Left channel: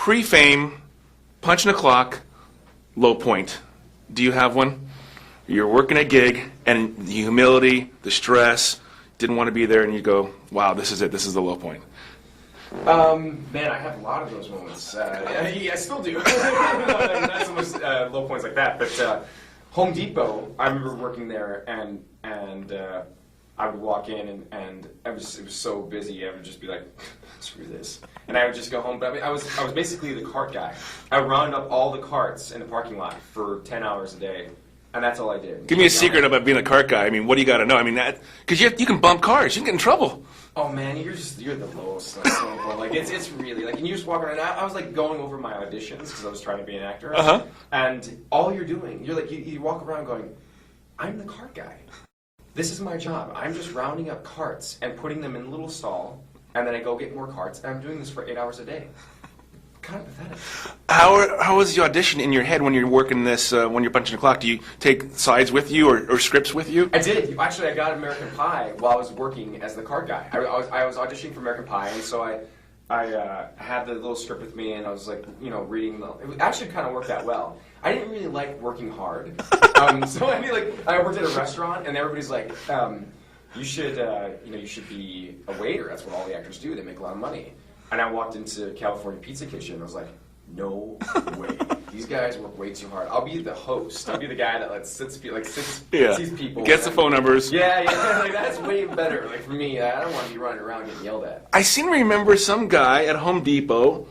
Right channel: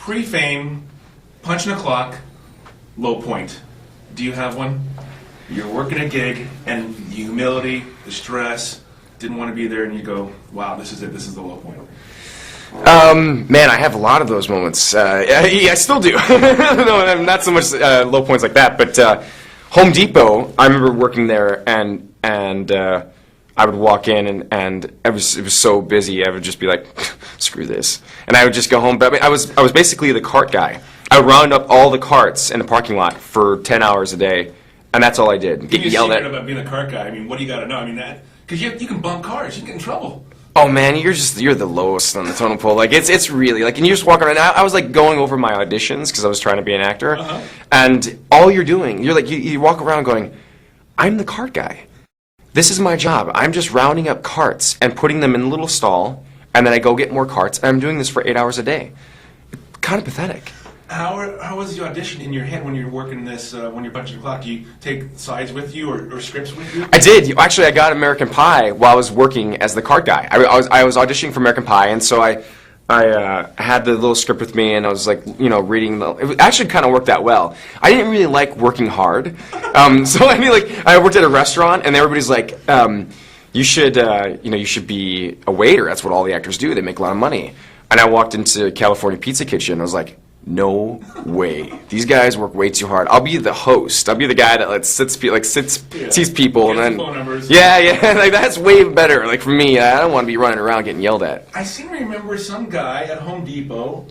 Pre-fame, punching a clock, low point. Do you have one? You're working a gig, and the humility, the stress, didn't want to be there, and you go, wow, this is it, this is the low point. Man, I have a lot of those moments. I still do. No, not so much low points like that, but Home Depot, I remember working there, and I would walk in, and it was so busy, I would just be like, screw this. And I would just go home. But I mean, I was basically the cart guy. I would round up all the carts in the parking lot for 10 hours a day, and that's all I did. Give me a secret about being a cart guy. I mean, what do you got to know? I mean, because you can bump cars, you can get in trouble. Oh man, you're the lowest on the totem pole. Like it's really like, and you just walk around. I was like going over my auditions because I was trying to be an actor, and all you're doing, you're like you walk around going, I'm the cart guy. This is my job. I'm just rounding up carts and putting them in a little stall, and then I go get more carts, and I'm doing this for 8 hours a day. Kind of pathetic. How is the audition in your head when you're working this, when you're punching the clock? Do you take sides with you or scripts with you? I did. Actually, I got American Pie while I was working as the cart guy. I was auditioning for American Pie, and so I had the little script with me, and I was like, reading. It actually kind of worked out well. I didn't really like working hard, so I mean, like, I worked at a restaurant, and everybody's like, you should be a waiter. That's what all the actors do. They make a lot of money. And I walked into California Pizza Kitchen, and I was like, no way. These guys work way too hard. I'll be the host. I'll be the guy that sees people. Gets and the phone numbers. Yeah, like that's way better. Like for me, I don't want to be running around getting yelled at. I seem to remember some guy at Home Depot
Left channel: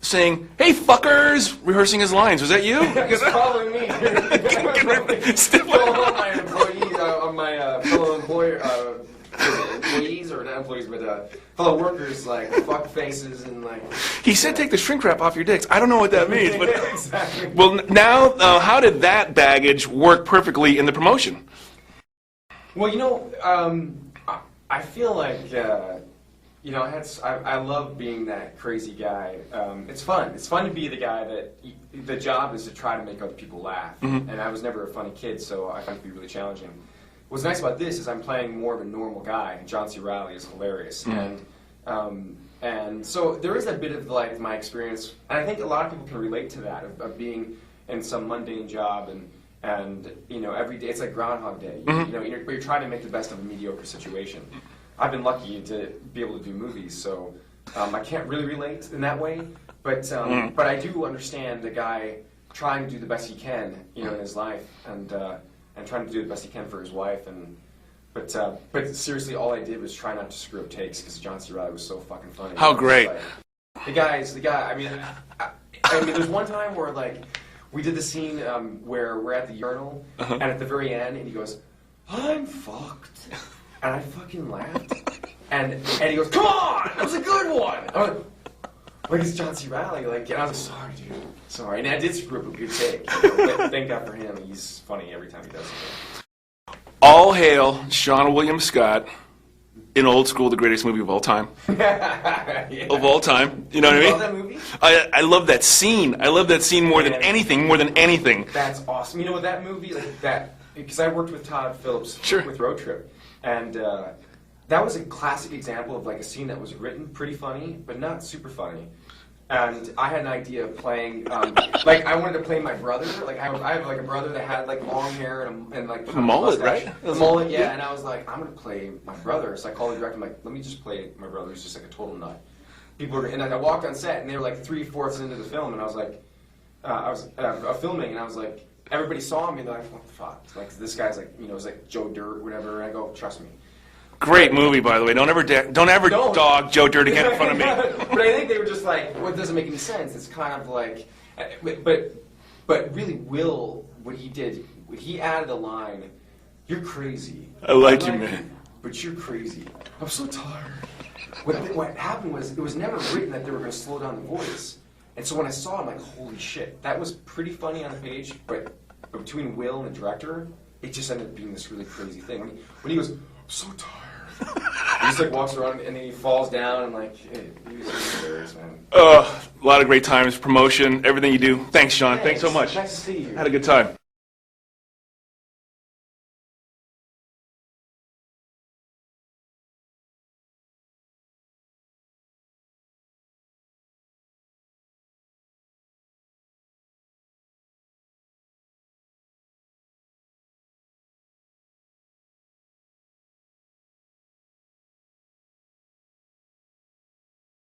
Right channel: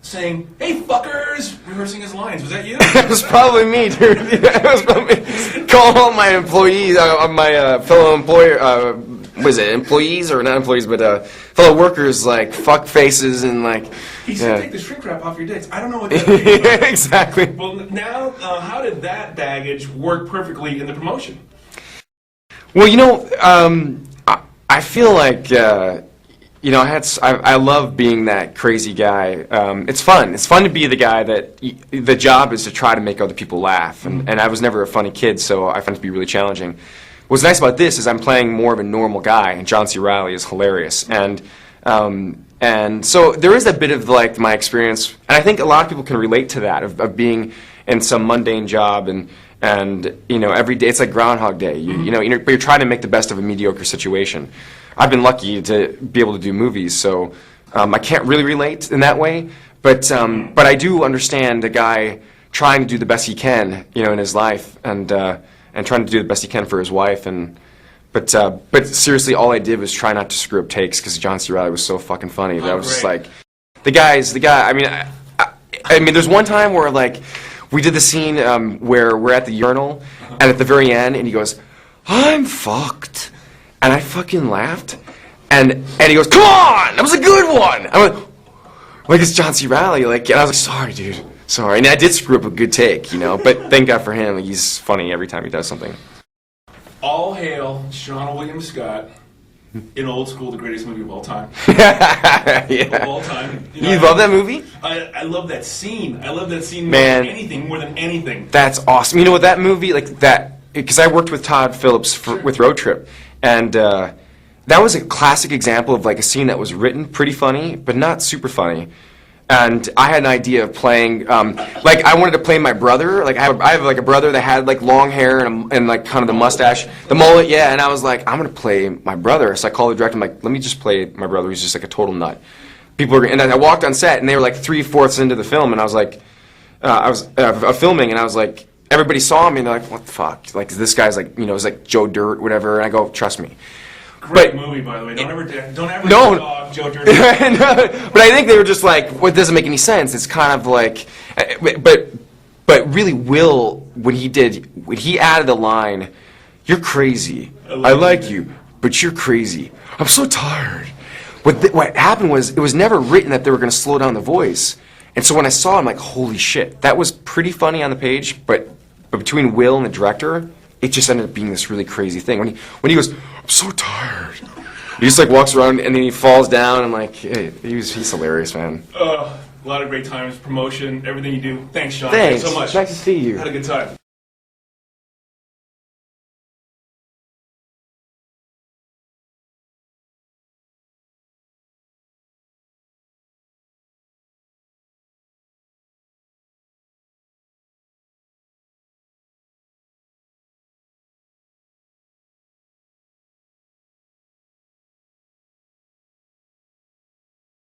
saying, "Hey fuckers," rehearsing his lines. Was that you? It was probably me, dude. It was probably calling all my employees, my fellow employer. Was it employees or not employees, but fellow workers, like fuck faces and like. He said, "Take the shrink wrap off your dicks." I don't know what that means. Yeah, exactly. Well, now, how did that baggage work perfectly in the promotion? Well, I feel like I love being that crazy guy. It's fun. It's fun to be the guy that the job is to try to make other people laugh. And I was never a funny kid, so I find it to be really challenging. What's nice about this is I'm playing more of a normal guy, and John C. Reilly is hilarious. And so there is a bit of like my experience, and I think a lot of people can relate to that of being in some mundane job and every day it's like Groundhog Day. But you're trying to make the best of a mediocre situation. I've been lucky to be able to do movies, so I can't really relate in that way. But I do understand a guy trying to do the best he can, in his life, and trying to do the best he can for his wife. But seriously, all I did was try not to screw up takes because John C. Reilly was so fucking funny. How I was great! Just like, the guy. I mean, there's one time where like we did the scene where we're at the urinal, and at the very end, and he goes, "I'm fucked." And I fucking laughed, and he goes, "Come on, that was a good one." I went, like it's John C. Reilly, like, and I was like, "Sorry, dude, sorry." And I did screw up a good take, but thank God for him, like, he's funny every time he does something. All hail Seann William Scott in Old School, the greatest movie of all time. Yeah. Of all time. You love that movie? I love that scene. I love that scene more than anything. That's awesome. You know what, that movie, like that, because I worked with Todd Phillips with Road Trip. And that was a classic example of like a scene that was written pretty funny, but not super funny. And I had an idea of playing, like I wanted to play my brother. Like I have like a brother that had like long hair and like kind of the mustache, the mullet, yeah. And I was like, I'm gonna play my brother. So I called the director. I'm like, let me just play my brother. He's just like a total nut. And then I walked on set, and they were like 3/4 into the film, and I was like, I was filming, and I was like. Everybody saw me and they're like, what the fuck? Like, this guy's like, it's like Joe Dirt, whatever. And I go, trust me. Great movie, by the way. Don't ever dog Joe Dirt. But I think they were just like, well, it doesn't make any sense. It's kind of like, but really Will, when he added the line, you're crazy. I like you, but you're crazy. I'm so tired. What happened was, it was never written that they were going to slow down the voice. And so when I saw it, I'm like, holy shit, that was pretty funny on the page, but between Will and the director, it just ended up being this really crazy thing. When he goes, I'm so tired. He just like walks around and then he falls down and like, hey, he's hilarious, man. A lot of great times, promotion, everything you do. Thanks, Seann. Thanks so much. Nice to see you. Had a good time.